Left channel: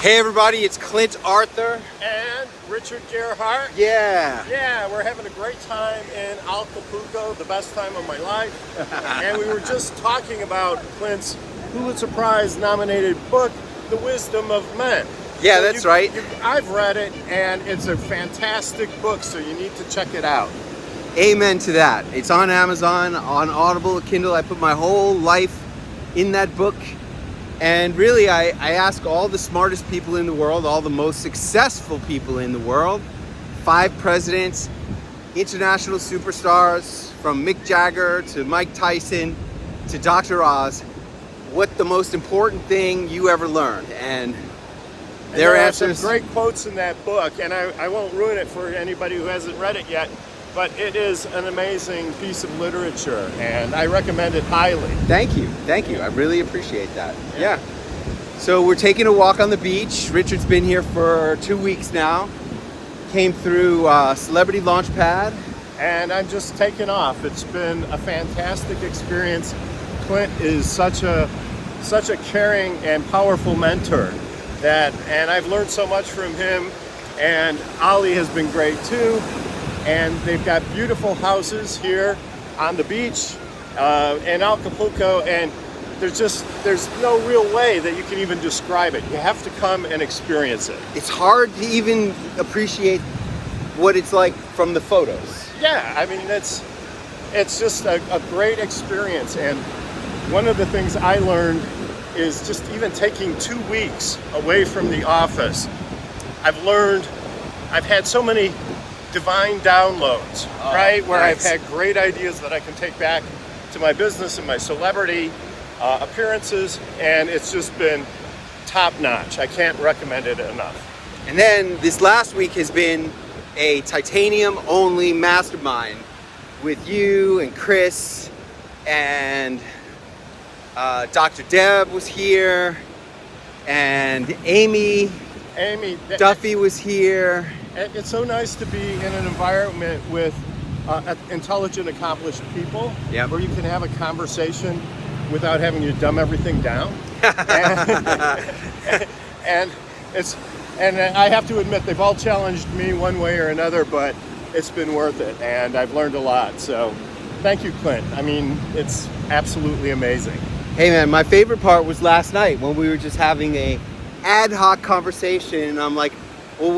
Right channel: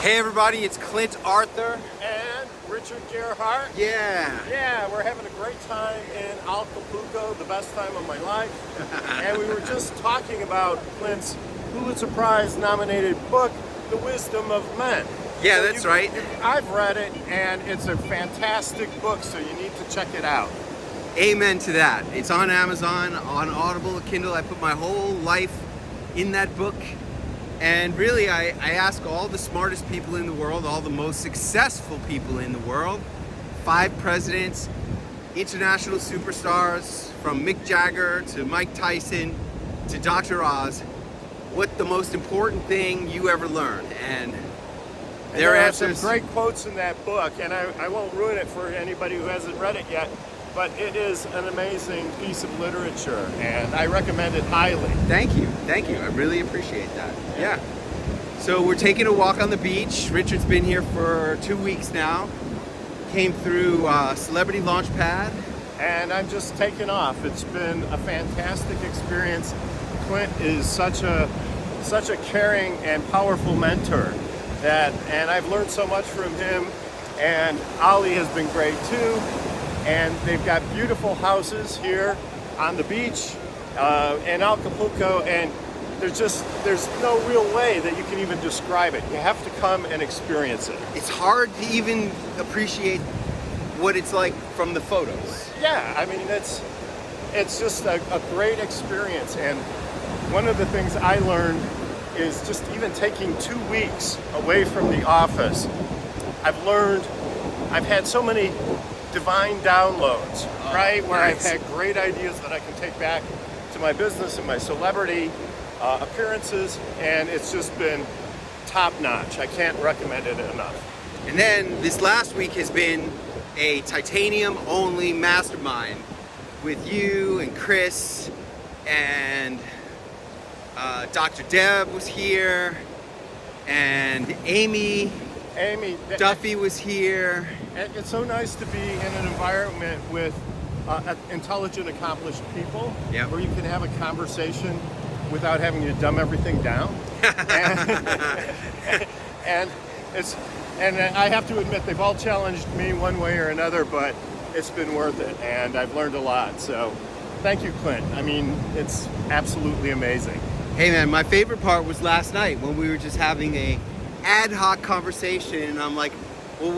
Hey everybody, it's Clint Arthur. And Richard Gerhardt. Yeah, We're having a great time in Acapulco, the best time of my life. And we were just talking about Clint's Pulitzer Prize nominated book, The Wisdom of Men. Yeah, that's right. I've read it and it's a fantastic book, so you need to check it out. Amen to that. It's on Amazon, on Audible, Kindle. I put my whole life in that book. And really, I ask all the smartest people in the world, all the most successful people in the world, 5 presidents, international superstars, from Mick Jagger to Mike Tyson to Dr. Oz, what the most important thing you ever learned. And their answers. Some great quotes in that book, and I won't ruin it for anybody who hasn't read it yet, but it is an amazing piece of literature, and I recommend it highly. Thank you. I really appreciate that. Yeah. So we're taking a walk on the beach. Richard's been here for 2 weeks now. Came through Celebrity Launchpad. And I'm just taking off. It's been a fantastic experience. Clint is such a caring and powerful mentor, and I've learned so much from him. And Ollie has been great too. And they've got beautiful houses here on the beach in Acapulco, and there's no real way that you can even describe it. You have to come and experience it. It's hard to even appreciate what it's like from the photos. Yeah, I mean, it's just a great experience. And one of the things I learned is just even taking 2 weeks away from the office. I've had so many divine downloads, right? Where nice. I've had great ideas that I can take back to my business and my celebrity appearances, and it's just been top notch. I can't recommend it enough. And then this last week has been a titanium only mastermind with you and Chris, and Dr. Deb was here, and Amy Duffy was here. It's so nice to be in an environment with intelligent, accomplished people, Yep. where you can have a conversation without having to dumb everything down. and I have to admit, they've all challenged me one way or another, but it's been worth it, and I've learned a lot. So thank you, Clint. I mean, it's absolutely amazing. Hey man, my favorite part was last night when we were just having a ad hoc conversation, and I'm like, well,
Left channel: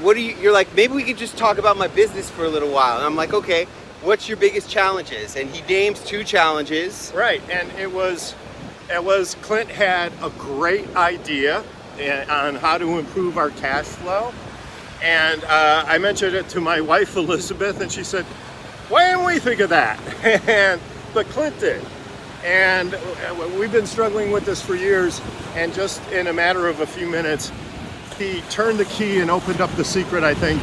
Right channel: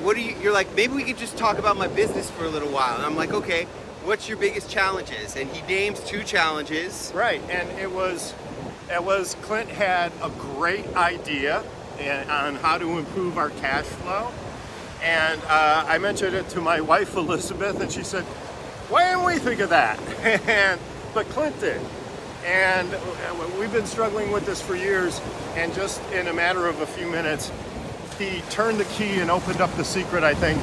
what are you, you're like, maybe we could just talk about my business for a little while. And I'm like, okay, what's your biggest challenges? And he names 2 challenges. Right, and it was Clint had a great idea on how to improve our cash flow. And I mentioned it to my wife, Elizabeth, and she said, why didn't we think of that? But Clint did. And we've been struggling with this for years, and just in a matter of a few minutes, he turned the key and opened up the secret, I think,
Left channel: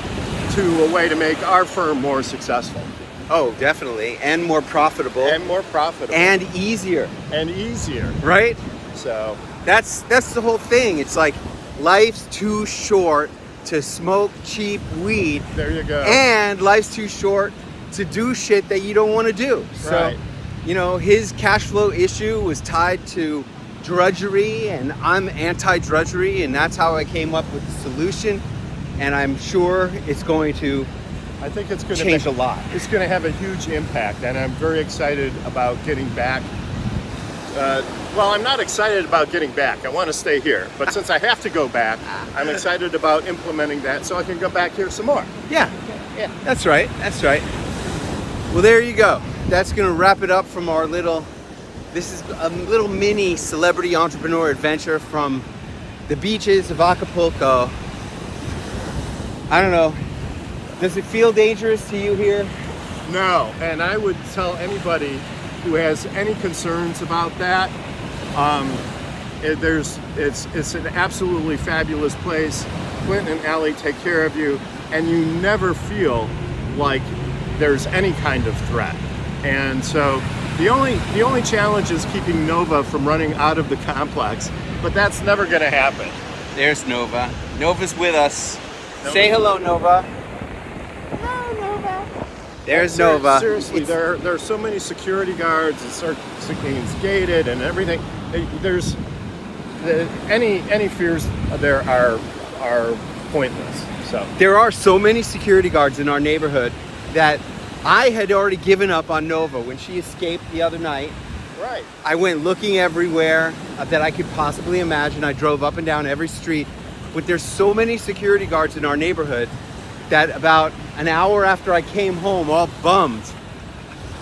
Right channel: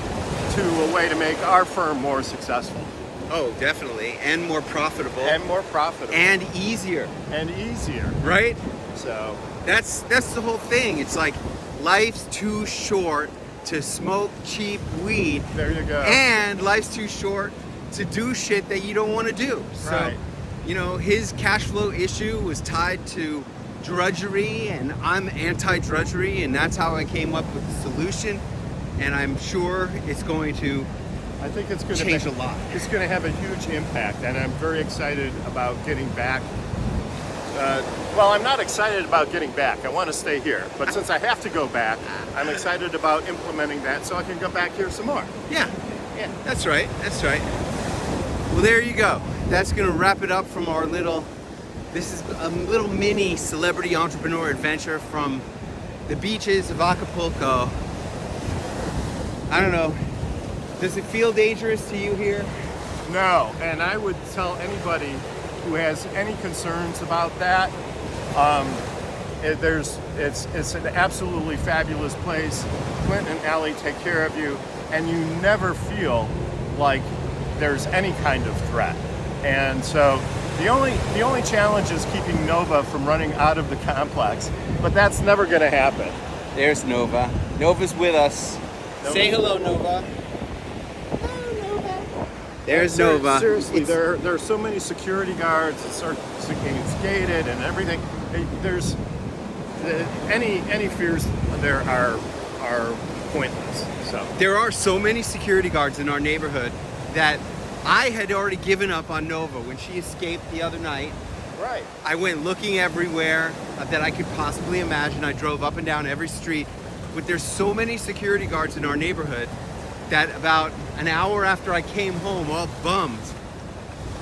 to a way to make our firm more successful. Oh, definitely. And more profitable. And more profitable. And easier. And easier. Right? So that's the whole thing. It's like, life's too short to smoke cheap weed. There you go. And life's too short to do shit that you don't want to do. Right. So, you know, his cash flow issue was tied to drudgery, and I'm anti-drudgery, and that's how I came up with the solution. And I'm sure it's going to change a lot. It's going to have a huge impact, and I'm very excited about getting back. Well, I'm not excited about getting back. I want to stay here. But since I have to go back, I'm excited about implementing that so I can go back here some more. Yeah. That's right. Well, there you go. That's going to wrap it up from this is a little mini celebrity entrepreneur adventure from the beaches of Acapulco. I don't know. Does it feel dangerous to you here? No, and I would tell anybody who has any concerns about that, it's an absolutely fabulous place. Clint and Allie take care of you, and you never feel like there's any kind of threat. And so the only challenge is keeping Nova from running out of the complex, but that's never going to happen. There's Nova. Nova's with us. Say hello, Nova. Hello, Nova. There's Nova. Seriously, there are so many security guards. It's gated and everything. any fears there are pointless. So There are so many security guards in our neighborhood that I had already given up on Nova when she escaped the other night. right. I went looking everywhere that I could possibly imagine. I drove up and down every street, but there's so many security guards in our neighborhood that about an hour after I came home, all bummed,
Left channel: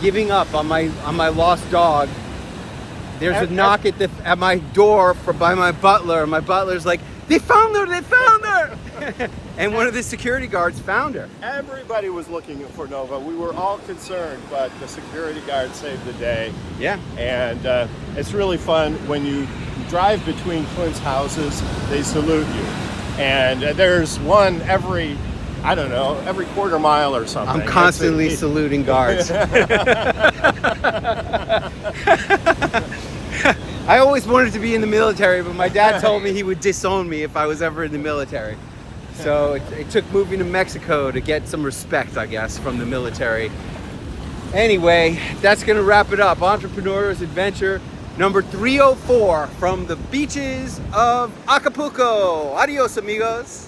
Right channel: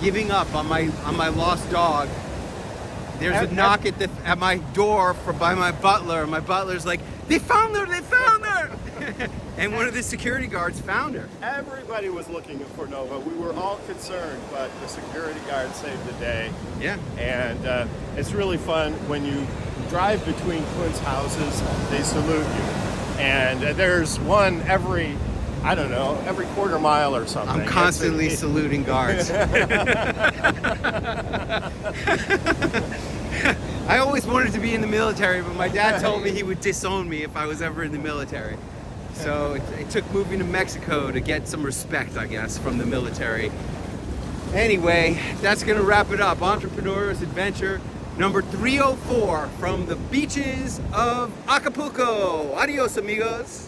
giving up on my lost dog, there's a knock at my door by my butler, and my butler's like, "They found her! They found her!" And one of the security guards found her. Everybody was looking for Nova. We were all concerned, but the security guard saved the day. Yeah. And it's really fun when you drive between Clint's houses, they salute you. And there's one every quarter mile or something. I'm constantly saluting guards. I always wanted to be in the military, but my dad told me he would disown me if I was ever in the military. So it took moving to Mexico to get some respect, I guess, from the military. Anyway, that's going to wrap it up. Entrepreneur's Adventure number 304 from the beaches of Acapulco. Adios, amigos.